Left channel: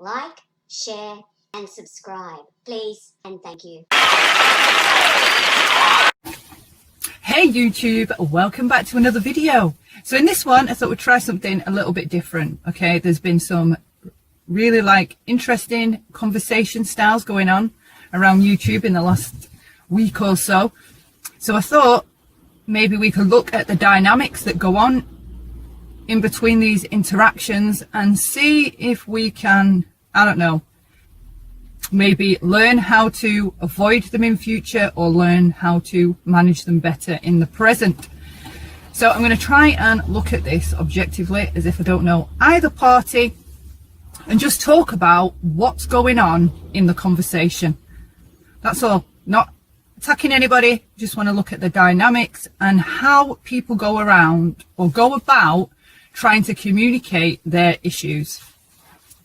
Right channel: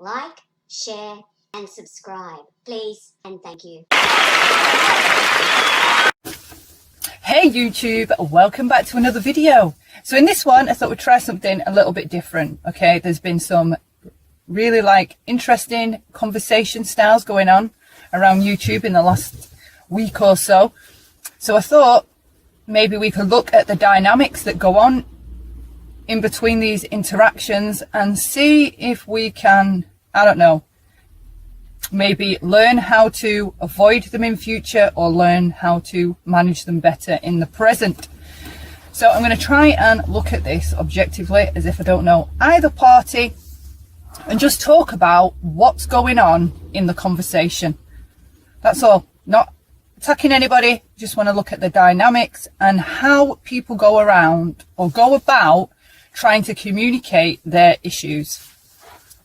like, share, and subscribe, please, and thank you. Hey YouTube, welcome back to another video. So in this one, I thought we'd try something a little bit different. Okay, there's been some really interesting conversation styles going on around YouTube in the last week or so. So I thought maybe we could look at the dynamics that go on in between these interactions and see if we can, I don't know, maybe learn how to avoid them in future or learn how to manage them better in the present. So I'm going to try and look at this objectively as if I don't know either party and just talk about what's going on in the conversation. That's all. Not attacking anybody, just want to look at the dynamics and how people go around or go about trying to communicate their issues.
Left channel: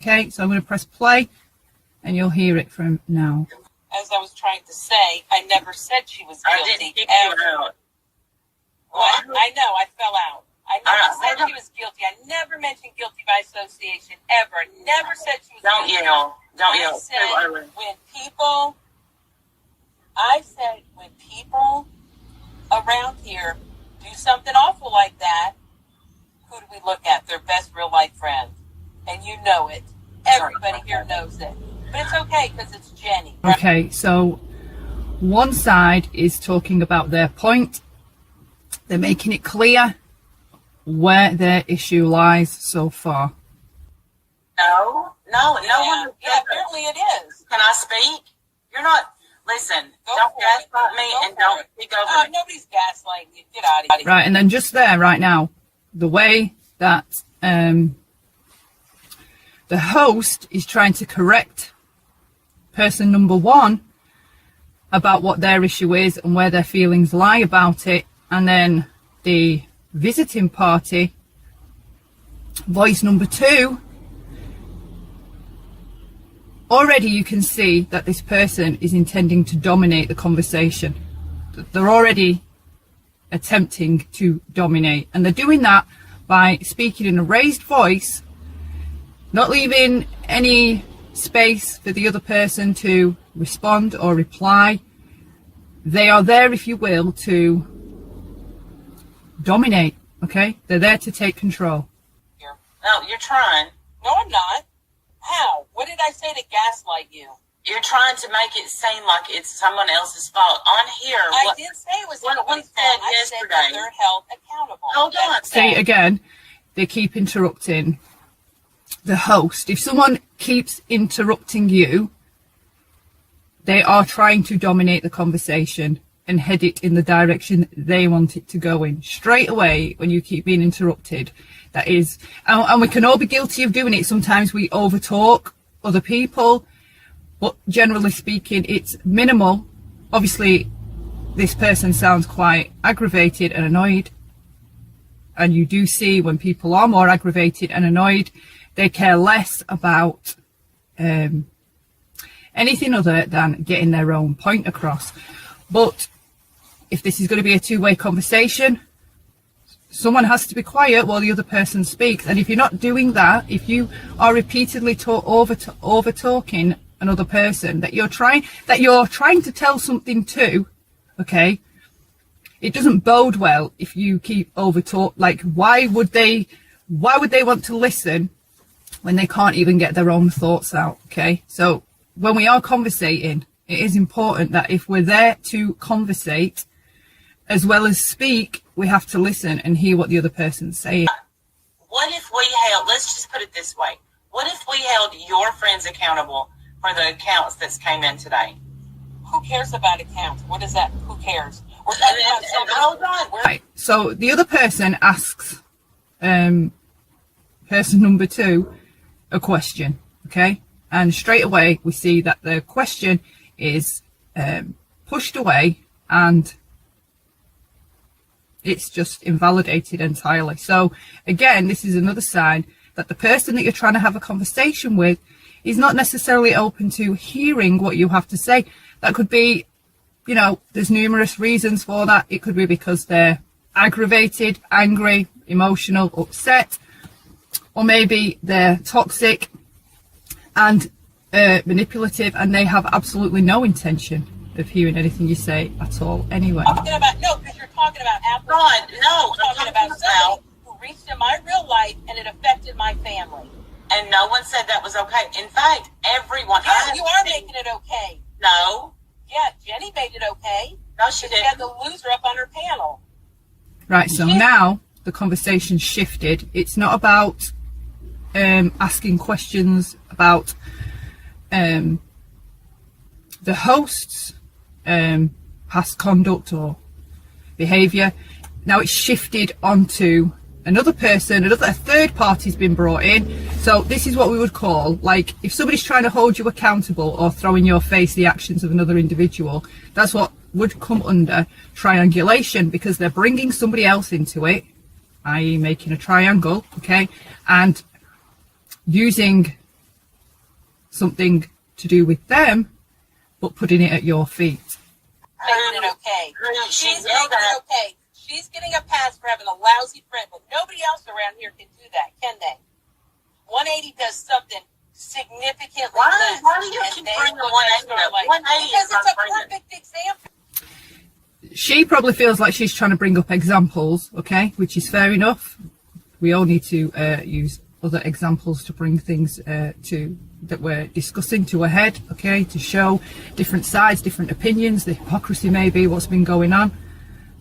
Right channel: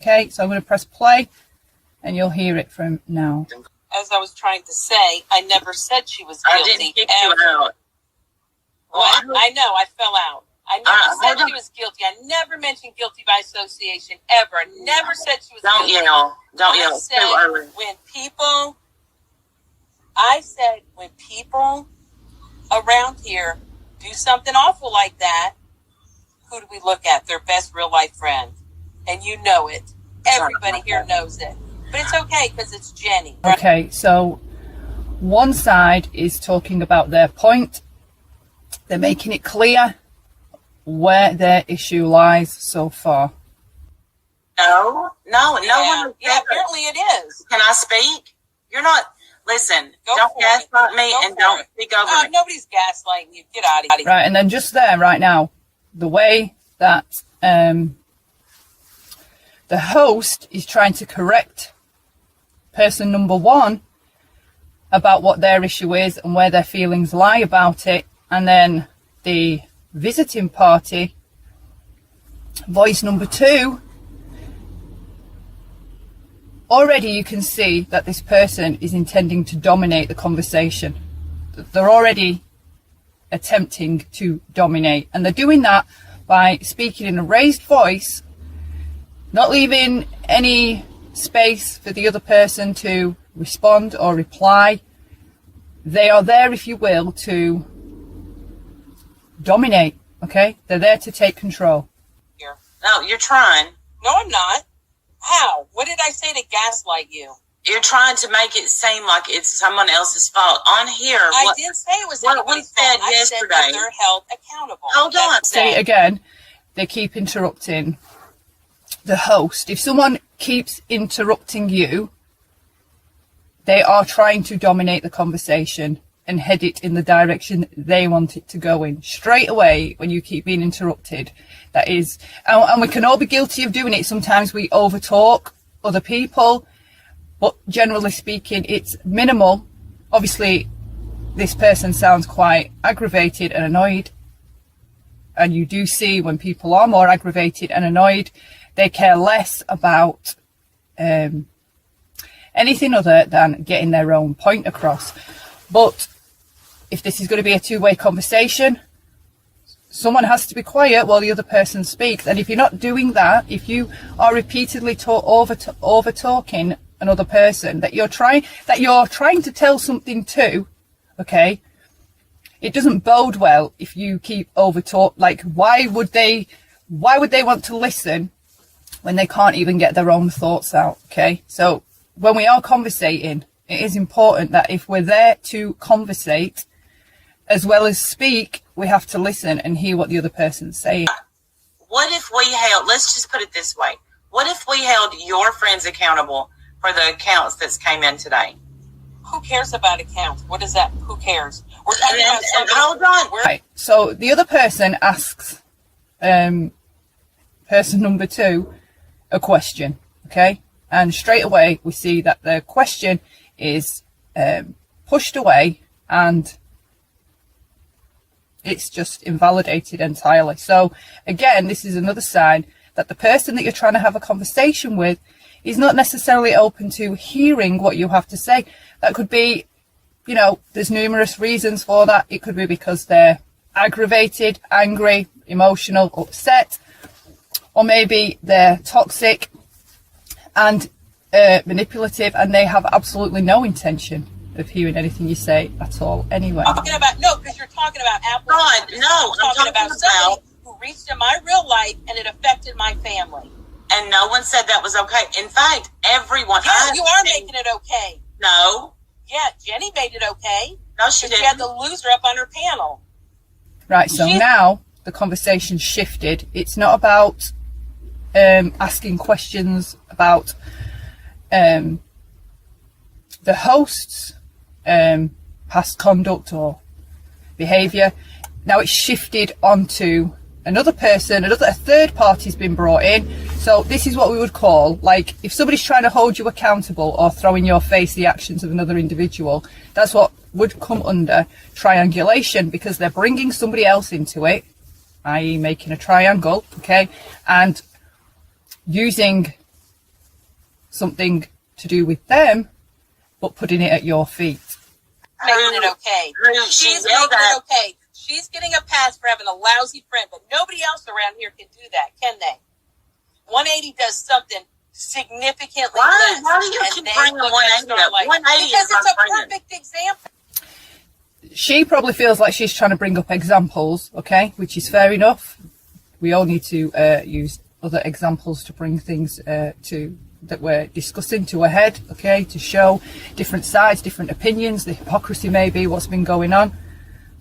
Okay, so I'm going to press play and you'll hear it from now. As I was trying to say, I never said she was guilty. I didn't kick you out. Well, I know, I fell out. I never said she was guilty. I never mentioned guilty by association, ever. I never said she was Don't guilty. yell. Don't yell. I said when people around here do something awful like that, who do we look at? Their best real life friend. And you know it. Everybody here knows it. But it's okay because it's Jenny. Right? Okay, so one side is talking about their point. They're making it clear where their issue lies so far. No. Yeah, apparently it is. Can I speak? You're not. Listen, Go don't for gaslight it. me Go and for don't it. speak over me. Nobody's gaslighting you. Get out of here. Right, and then just there right now, the way that the host is trying to correct person number one about what their issue is and where their feelings lie about it, and then the visiting party, voice number two, already you can see that this person is intending to dominate the conversation. They're already attempting to dominate, and they're doing that by speaking in a raised voice, not leaving any space for the other person to respond or reply. They are there, if you will, to dominate. Okay, they're there to take control. No, you're trying. No, I'm not. How? What did I say to gaslight you? You're trying to make it seem like it's someone else's fault. On here, I didn't say it was what we anybody's said fault. I said that yesterday. they're held accountable. Hold on. Say it again. They keep interrupting the host. If someone keeps interrupting you, they are trying to dominate the conversation and head it in the direction they want it to go in. Straight away, when you keep being interrupted, that is, and we can all be guilty of doing it. Sometimes we overtalk other people, but generally speaking, it's minimal. Obviously, this person sounds quite aggravated and annoyed. And you do see when people are more aggravated and annoyed, they care less about anything other than getting their own point across. But if this is going to be a two-way conversation, someone has to be quiet while the other person speaks. And if you're not doing that, if you are repeatedly over talking another person that you're trying to tell something to, okay, it doesn't bode well if you keep over talk. Like, why would they want to listen when they can't even get their own thoughts out? Okay, so when we are conversating, it is important that if we're there to conversate as well as speak, we have to listen and hear what the other person's saying. What if we held, let's just put it this way. What if we held your friends accountable for the accounts that came in today? Who cares about accounts? What is that? Who cares? We're talking about somebody. Hold on. Right, so the other person asks person number two a question, okay? And straight away we see that the question is pushed away and it's just invalidated entirely. So again, this is another sign that the person that you're trying to have a conversation with is not necessarily open to hearing what you have to say. That could be, you know, there's numerous reasons for that. It could be because they're aggravated, angry, emotional, upset, or maybe they're toxic and manipulative, and they have absolutely no intention of hearing anything you say at all anyway. Talking about, no, because you're talking about Apple. God, no, I'm talking about somebody who reached in my real life and it affected my family. And no one said that was okay. In fact, everyone. Yeah, you are making it okay. No. Yeah, Jenny made it okay. No, she didn't. She had the loser up on her panel. Right, so now the conversation shifted. It's not about asking questions about the host's past conduct or behaviour. Now it's shifted onto another person, a third party's been brought in. So this is what we would call, like, if somebody's trying to hold you accountable or throw in your face the actions of another individual, that's what would come under triangulation, because they're bringing somebody else into it, i.e. making a triangle, okay, and using something to do with them, but putting it at your feet. Making it okay. She's making it okay. She's getting a pass for having a lousy friend, but nobody else around here can do that, can they? 180 does something significantly less. Why do you keep bringing 180 up? 180 because is my it's a friend. perfect example. She probably feels like she's trying to bring up examples, okay, which is fair enough. We all need to use other examples to bring things that we're discussing to a head, okay, to show different sides, different opinions, the hypocrisy maybe, what's been going on.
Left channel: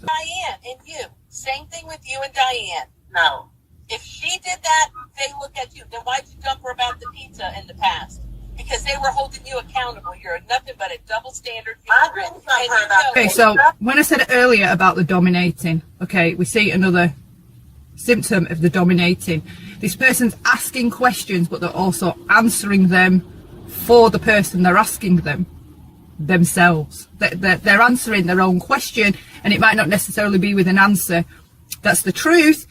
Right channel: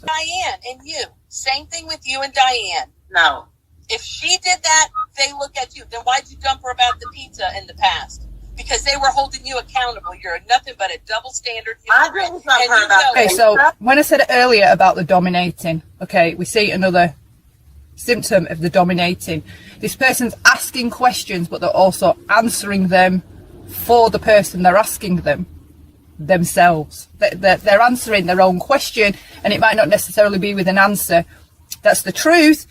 Diane and you, same thing with you and Diane. No. If she did that, they look at you. Then why'd you dump her about the pizza in the past? Because they were holding you accountable. You're nothing but a double standard I hypocrite. didn't dump her about Okay, so when I said earlier about the dominating, okay, we see another symptom of the dominating. This person's asking questions, but they're also answering them for the person they're asking them themselves. They're answering their own question, and it might not necessarily be with an answer that's the truth.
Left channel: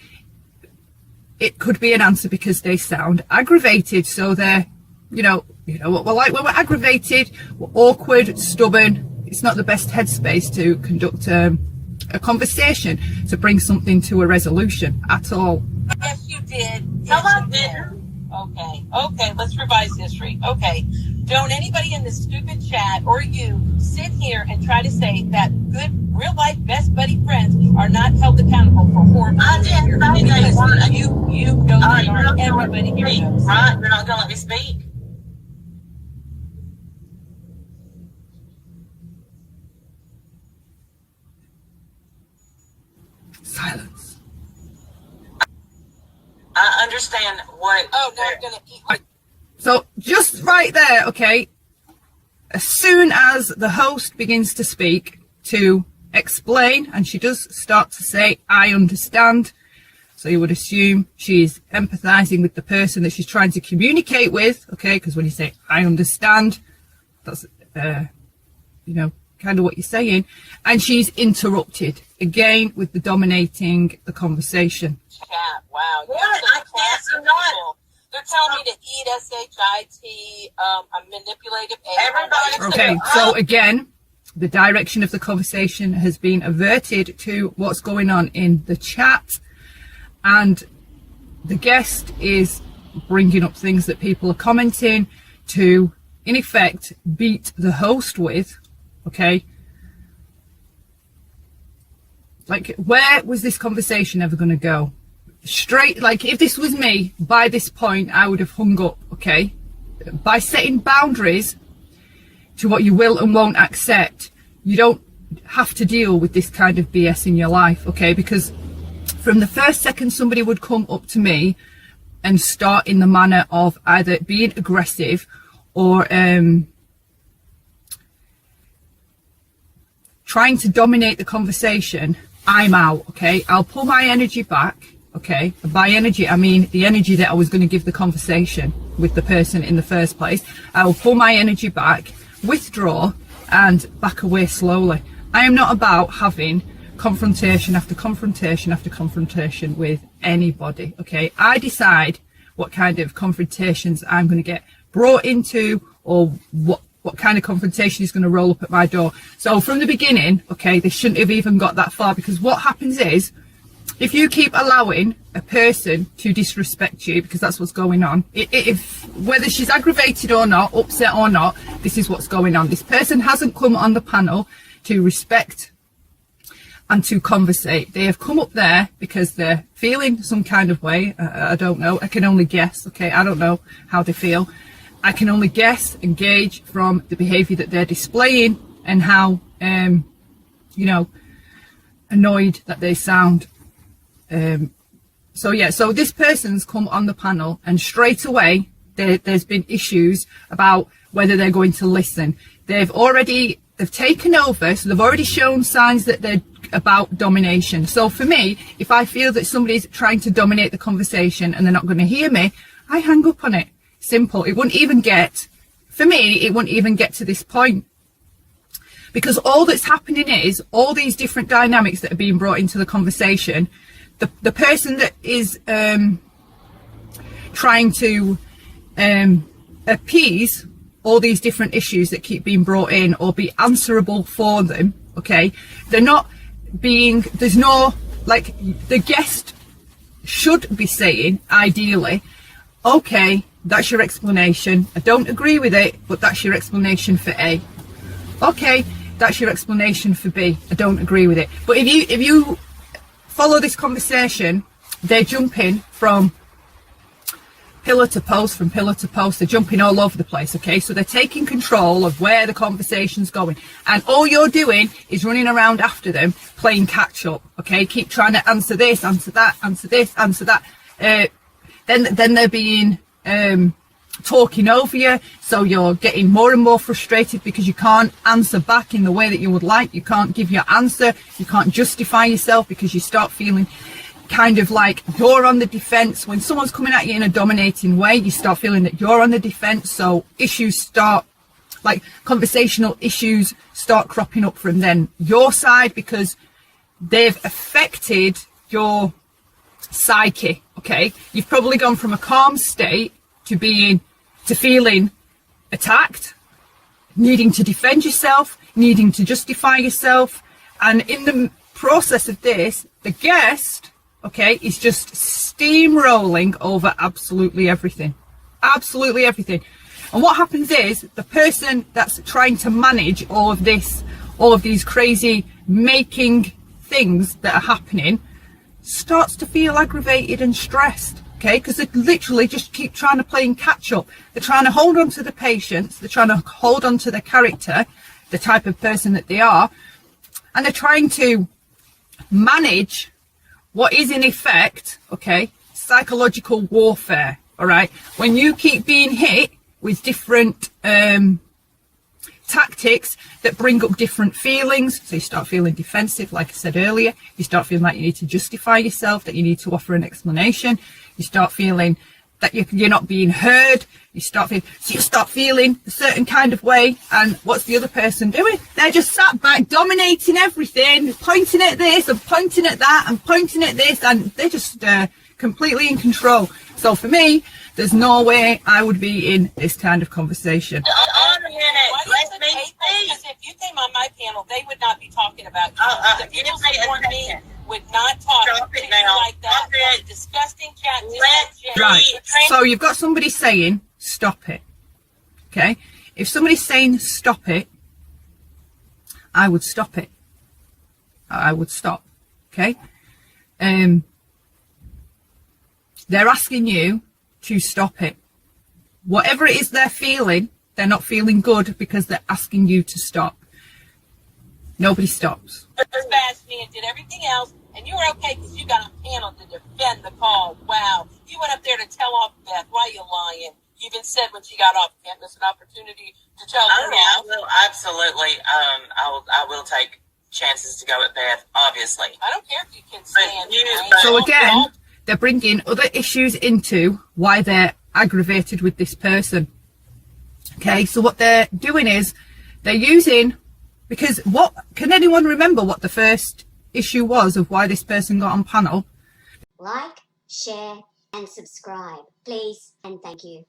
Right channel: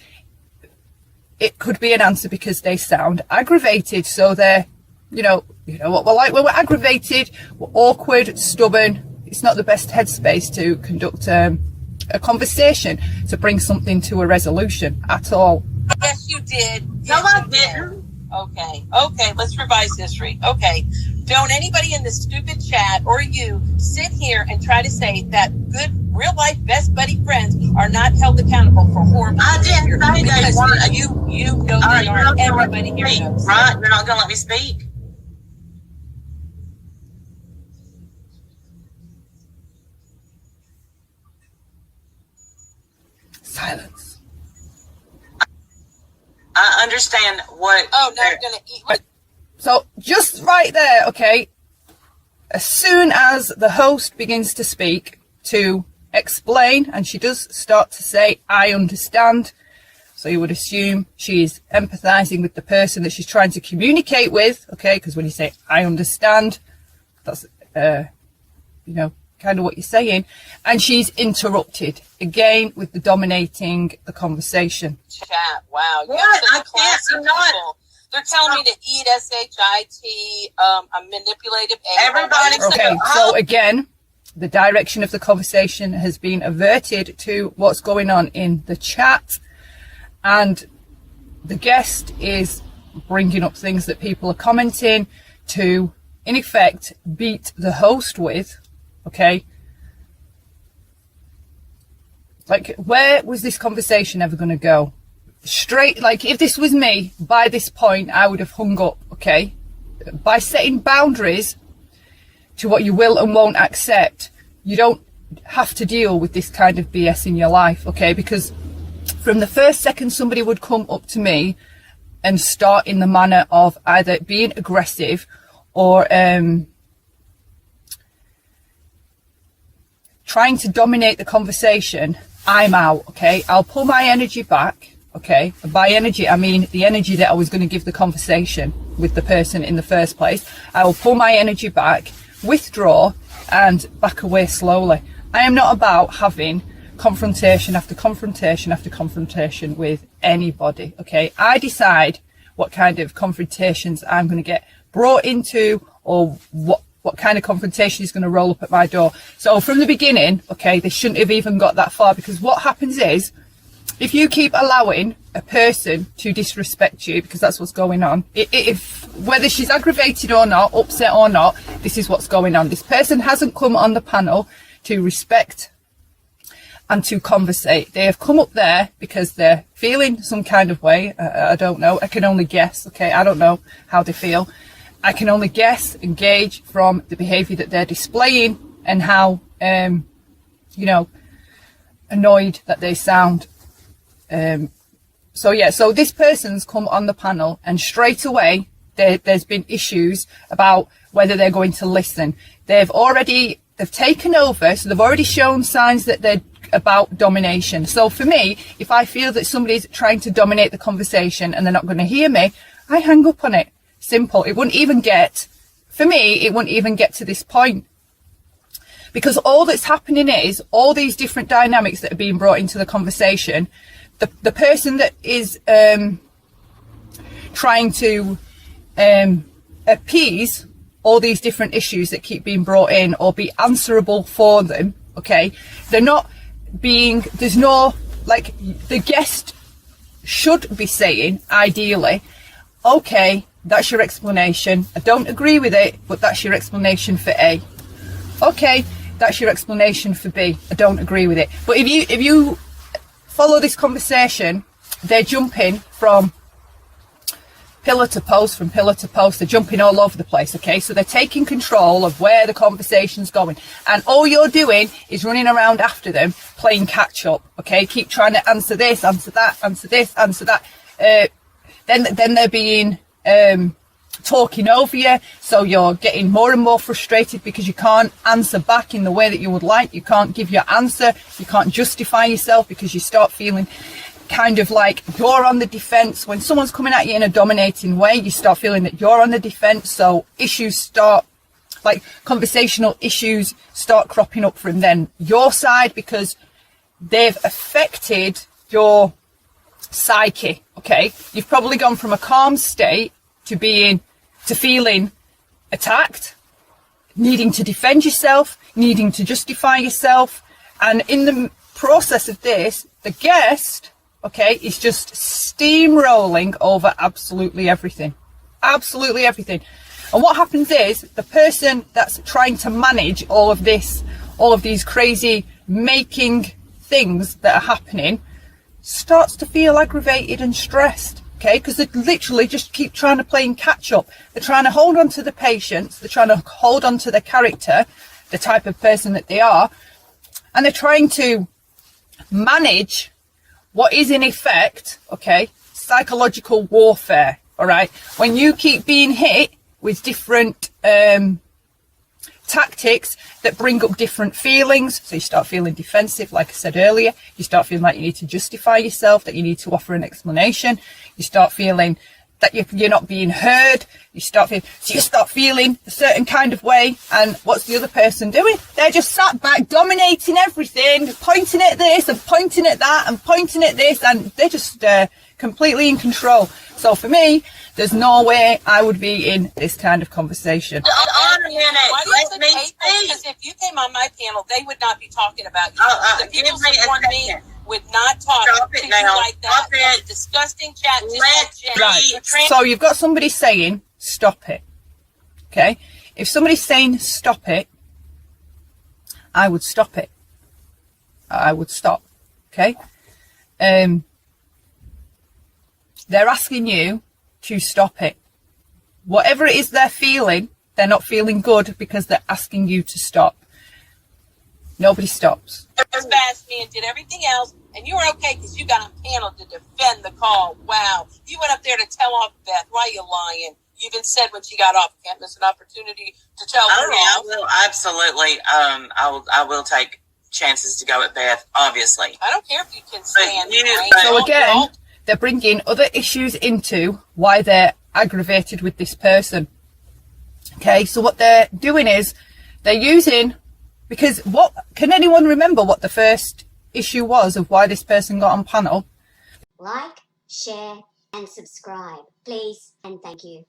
It could be an answer because they sound aggravated. So they're, you know what we're like when we're aggravated, we're awkward, stubborn. It's not the best headspace to conduct a conversation, to bring something to a resolution at all. Yes, you did. No, Yes, I you did. didn't. Okay, let's revise history. Okay, don't anybody in the stupid chat or you sit here and try to say that good real life best buddy friends are not held accountable for horrible I behavior. didn't say they weren't. Because you know All right, they you're are. not gonna let Everybody me here speak, knows. right? You're not going to let me speak. Silence. I understand what. Oh, now you're gonna eat. So just right there, okay, as soon as the host begins to speak, to explain, and she does start to say, I understand. So you would assume she's empathizing with the person that she's trying to communicate with, okay, because when you say, I understand, that's, kind of what you're saying. And she's interrupted again with the dominating the conversation. Chat. Wow. You're What? such I can't. classy I'm not. people. They're telling me to eat SHIT, a manipulative A. Everybody- Okay, so again, the direction of the conversation has been averted to what's going on in the chat, and the guest is bringing up things that people are commenting to, in effect, beat the host with, okay? Like, where was this conversation ever going to go? Straight, like, if this was me, by this point, I would have hung up, okay? By setting boundaries to what you will and won't accept, you don't have to deal with this kind of BS in your life, okay? Because from the first second somebody would come up to me and start in the manner of either being aggressive or trying to dominate the conversation, I'm out, okay? I'll pull my energy back, okay? And by energy, I mean the energy that I was going to give the conversation with the person in the first place. I will pull my energy back, withdraw, and back away slowly. I am not about having confrontation after confrontation after confrontation with anybody, okay? I decide what kind of confrontations I'm going to get brought into, or what kind of confrontation is going to roll up at my door. So from the beginning, okay, they shouldn't have even got that far, because what happens is if you keep allowing a person to disrespect you, because that's what's going on, if whether she's aggravated or not, upset or not, this is what's going on. This person hasn't come on the panel to respect and to conversate. They have come up there because they're feeling some kind of way. I don't know. I can only guess. Okay, I don't know how they feel. I can only guess and gauge from the behaviour that they're displaying and how, you know, annoyed that they sound. So this person's come on the panel, and straight away there's been issues about whether they're going to listen. They've taken over, so they've already shown signs that they're about domination. So for me, if I feel that somebody's trying to dominate the conversation and they're not going to hear me, I hang up on it. Simple. It wouldn't even get to this point. Because all that's happening is all these different dynamics that are being brought into the conversation. The person that is trying to appease all these different issues that keep being brought in or be answerable for them, okay, there's no, like, the guest should be saying, ideally, okay, that's your explanation. I don't agree with it, but that's your explanation for A. Okay, that's your explanation for B. I don't agree with it. But if you follow this conversation, they're jumping from pillar to post, they're jumping all over the place, okay? So they're taking control of where the conversation's going, and all you're doing is running around after them, playing catch up, okay? Keep trying to answer this, answer that, answer this, answer that. Then they're being talking over you, so you're getting more and more frustrated because you can't answer back in the way that you would like. You can't give your answer, you can't justify yourself, because you start feeling kind of like you're on the defense. When someone's coming at you in a dominating way, you start feeling that you're on the defense, so conversational issues start cropping up from then your side, because they've affected your psyche, okay? You've probably gone from a calm state to feeling attacked, needing to defend yourself, needing to justify yourself, and in the process of this, the guest, okay, is just steamrolling over absolutely everything. Absolutely everything. And what happens is, the person that's trying to manage all of these crazy making things that are happening, starts to feel aggravated and stressed, okay? Because they literally just keep trying to play catch up. They're trying to hold on to the patience, they're trying to hold on to their character, the type of person that they are, and they're trying to manage what is in effect, okay, psychological warfare, all right? When you keep being hit with different tactics that bring up different feelings, so you start feeling defensive, like I said earlier, you start feeling like you need to justify yourself, that you need to offer an explanation, you start feeling that you're not being heard, you start feeling a certain kind of way, and what's the other person doing? They're just sat back, dominating everything, pointing at this and pointing at that and pointing at this, and they're just completely in control. So for me, there's no way I would be in this kind of conversation. Because if you came on my panel, they would not be talking about you. The people supporting me would not talk to you like that. That's disgusting chat. Right. So you've got somebody saying, stop it. Okay. If somebody's saying, stop it, I would stop it. I would stop. Okay. They're asking you to stop it. Whatever it is they're feeling, they're not feeling good because they're asking you to stop. Nobody stops. Bashed me and did everything else, and you were okay because you got on panel to defend the call. Wow. You went up there to tell off Beth. Why are you lying? You even said when she got off, can't miss an opportunity to tell her off. I will, absolutely. I will take chances to go at Beth, obviously. I don't care if you can stand. So again, they're bringing other issues into why they're aggravated with this person. Okay, so what they're doing is they're using, because what can anyone remember what the first issue was of why this person got on panel? Like, share, and subscribe, please, and thank you.